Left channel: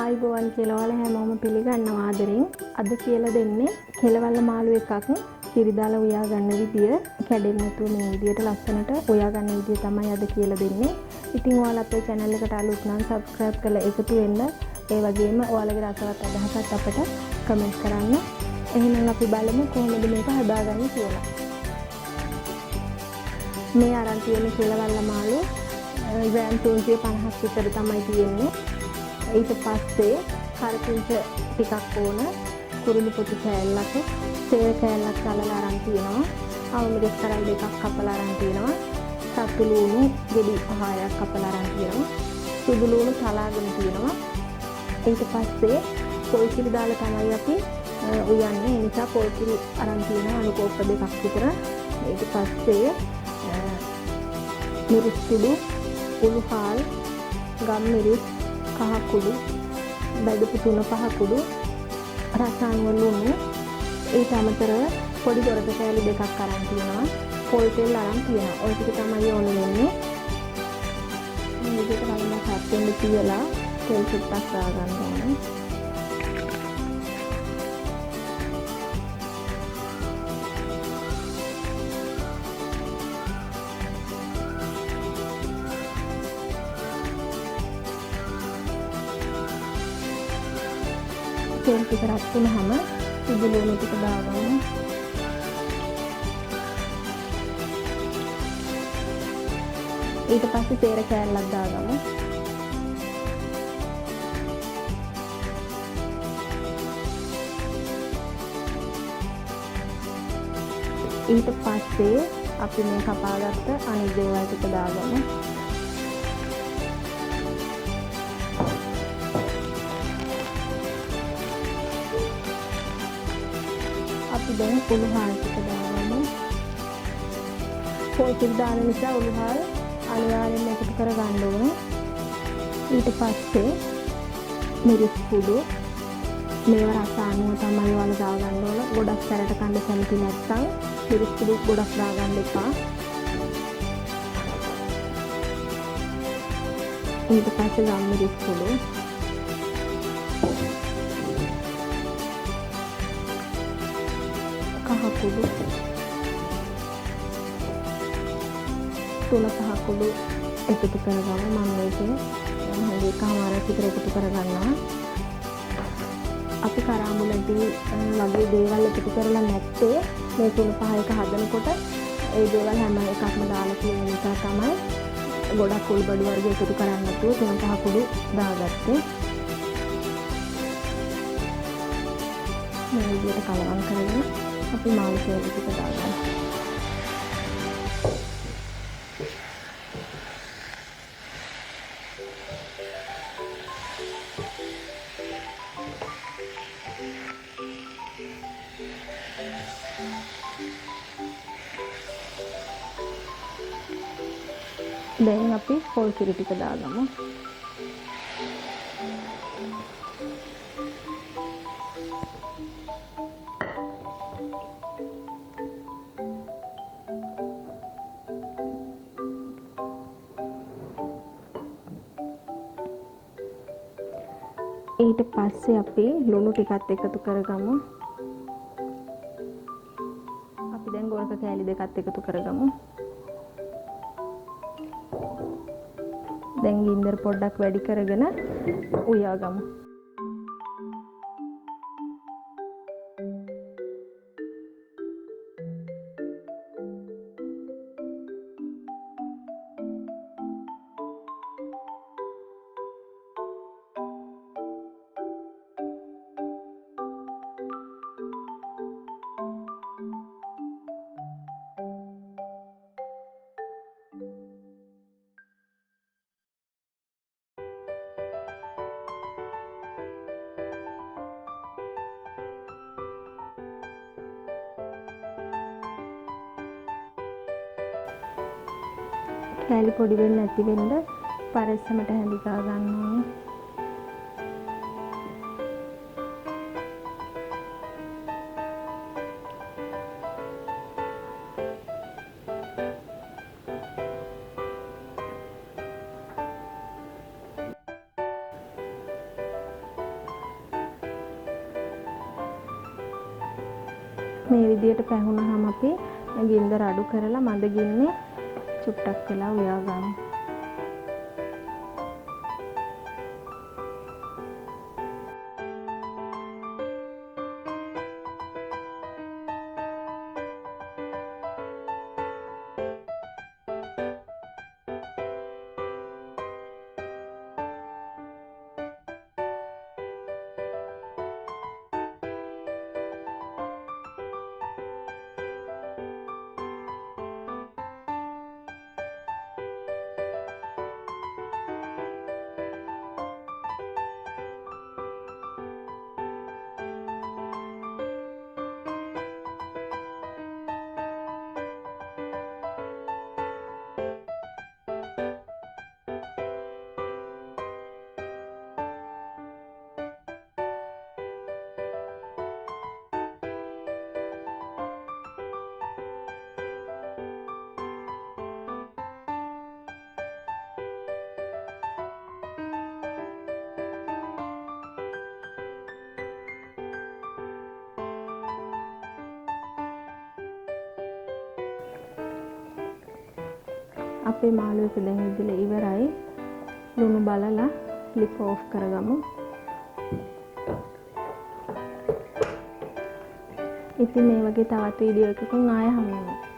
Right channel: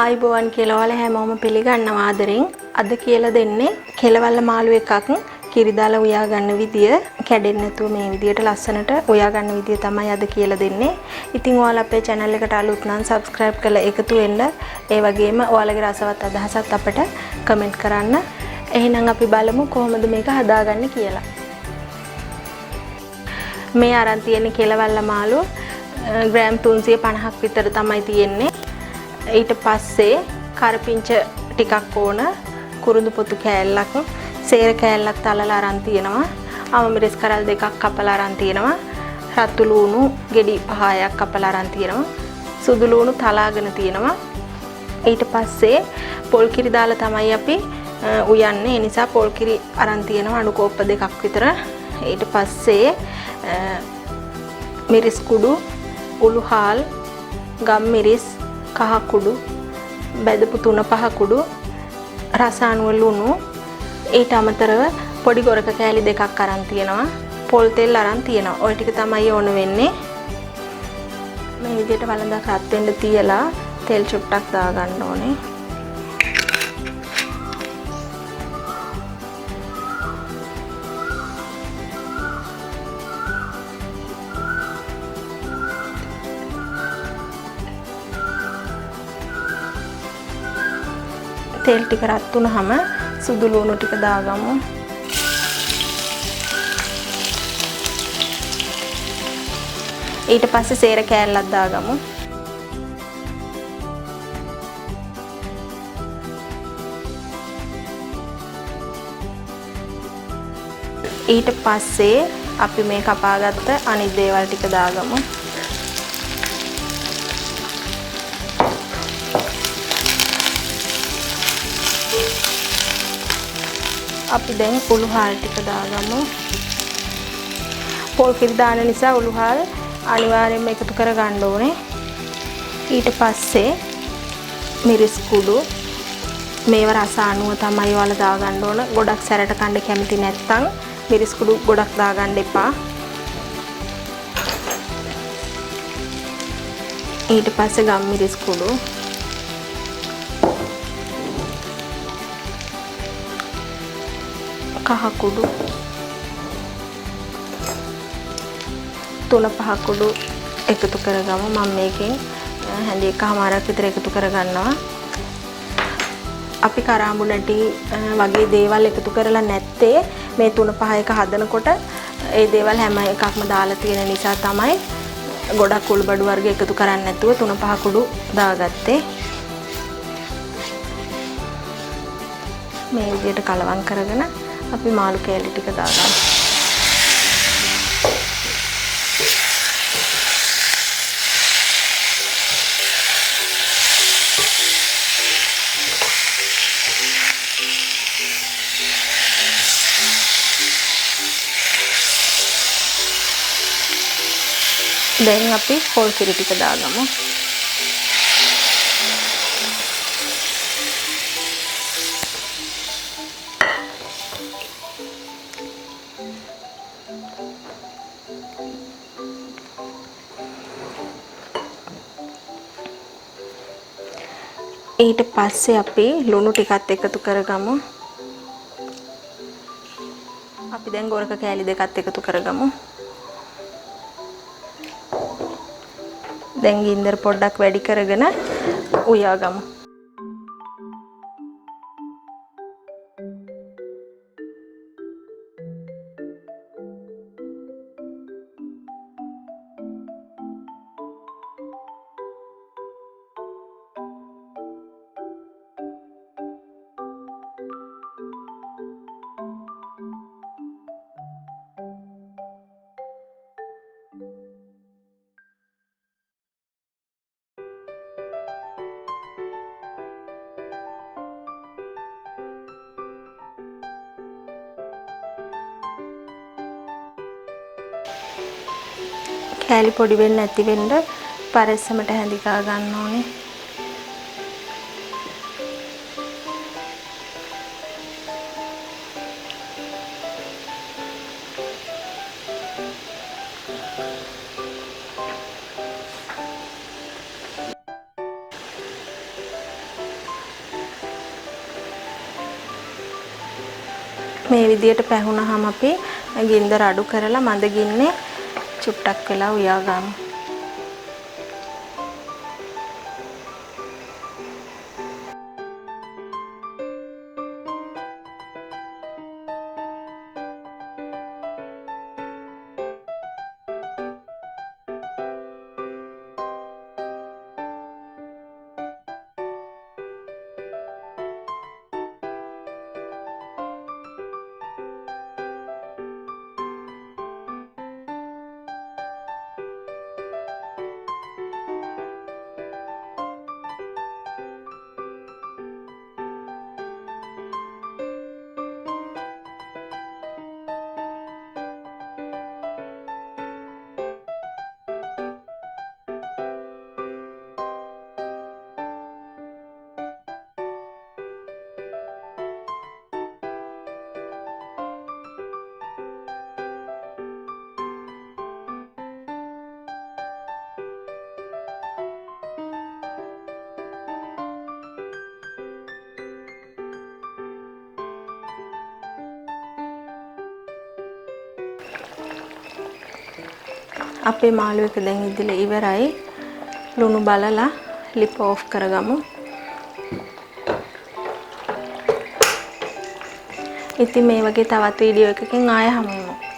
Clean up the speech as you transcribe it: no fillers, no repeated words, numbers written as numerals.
ආයිබෝවන් කියලා ඔයාලා හැමෝම පිළිගන්නවා ආදරෙන්. අද කියලා දෙන්නේ කෙලවල්ල මාළු එකක් කිරි දාලා උයා ගන්න විදිය. කැඩෙන්නේ නැතුව මේ විදියට ලස්සනට උයා ගන්න විදිය තමයි අද කියලා දෙන්නේ. ඉතින් ඔයාලා අපේ channel එකට අලුත් නම් subscribe කරලා එකතු වෙන්න. ඒ වගේම ඔයාලගේ රසවත් අදහසත් අපට comment කරන්න. එහෙනම් අපි බලමු කොහොමද මේක හදාගන්නේ කියලා. මේ අරන් තියෙන කෙලවල්ල මාළු ග්‍රෑම් 350ක් විතර තමයි තියෙන්නේ. ඊට පස්සේ කරපිංච ටිකක් ඕන, කුරුඳු පොතු කෑල්ලක්, සේර කෑල්ලක් තලලා අරන් තියෙනවා, අවමිරිස් කරල් දෙකක් කපලා අරන් තියෙනවා, රතු ලූණු ගෙඩි 5ක් කපලා අරන් තියෙනවා, සුදු ලූණු තලාගෙන තියෙනවා. ඊට පස්සේ පොල් කිරි දාලා තමයි අපි උයන්නේ. ඒ නිසා පොල් කිරි අරන් තියෙනවා අණු කෝප්ප දෙකක් විතර. ඊට පස්සේ මිරිස් කුඩු, උළුහාල්, ගම් මිරිස්, කහ කුඩු, බෙදපු තුන පහ කුඩු, රස අනුව ලුණු, ඊට අමතරව පොඩි ගොරක කෑලි දෙකක් අරන් තියෙනවා, පොල් තෙල් අරන් තියෙනවා. ওই ටික තමයි ඕන වෙන්නේ. මේ විදිහට වළඳක් රත් වෙන්න තියලා තෙල් චුට්ටක් දා ගන්න ඕනේ. තෙල් ටික රත් වුණාම සුදු ලුණු ටික දාගමු. ඊට පස්සේ සේර කෑල්ලක් දාගමු. ඊට පස්සේ අපි මේ කපාගත්ත අනිත් දේවල් ටික දාගමු. අපි දැන් උළුහාල් ටික දාගමු. පොල් කිරි දාන නිසා උළුහාල් අනිවාර්යයෙන්ම එකතු කර ගන්න ඕනේ. ඊට පස්සේ මිරිස් කුඩු මේව රස අනුව තමයි ඔයාලා දාගන්න ඕන. ගොඩක් සැරට කන්න කැමති නැත්නම් මිරිස් කුඩු ගොඩක් දාගන්න එපා. ඊට පස්සේ ගම් මිරිස් කුඩු, කහ කුඩු, තුන පහ කුඩු එකතු කරගමු. මම මේකෙන් හැඳි එකමාරක් විතර එකතු කරගන්නවා. අපි කරාඹු නැටි වගේ දේවල් එකතු කරලා නැත්තේ මේ තුන පහ එක හදනකොට ඒ දේවල් හැම එකක්ම දාලා තියෙන නිසා තමයි ගොඩක් උල්බඩු වර්ග එකතු කරන්නේ නැතුව තුන පහ කුඩු දාගත්තේ. මේ විදිහට කලවම් කරගෙන අපි මාළු කෑලි ටික දාගමු. දැන් අපි පොල් කිරි ටික දාගමු. ඊට පස්සේ අපි ලුණු ටිකත් එකතු කරගමු. අපි දැන් ගොරක කෑලි දෙකත් එකතු කරගමු. දැන් ගින්දර පොඩ්ඩක් වැඩි කරගෙන උයාගමු. කෑලි පොඩි වෙන්නේ නැති වෙන්න පරෙස්සමට හැඳිකා ගන්න ඕනේ. මේ විදියට පැහුනහම අපි ගින්දර අඩු කරලා මඳ ගින්නේ චුට්ටක් වෙලා උයා ගමු. අපේ මාළු එක දැන් ඉදලා ඉවරයි. ලුණු බලලා ලිප ඕෆ් කරගමු. ඉතින් මේ වගේ තවත් වීඩියෝ එකකින් ආයෙ හමු වෙමු.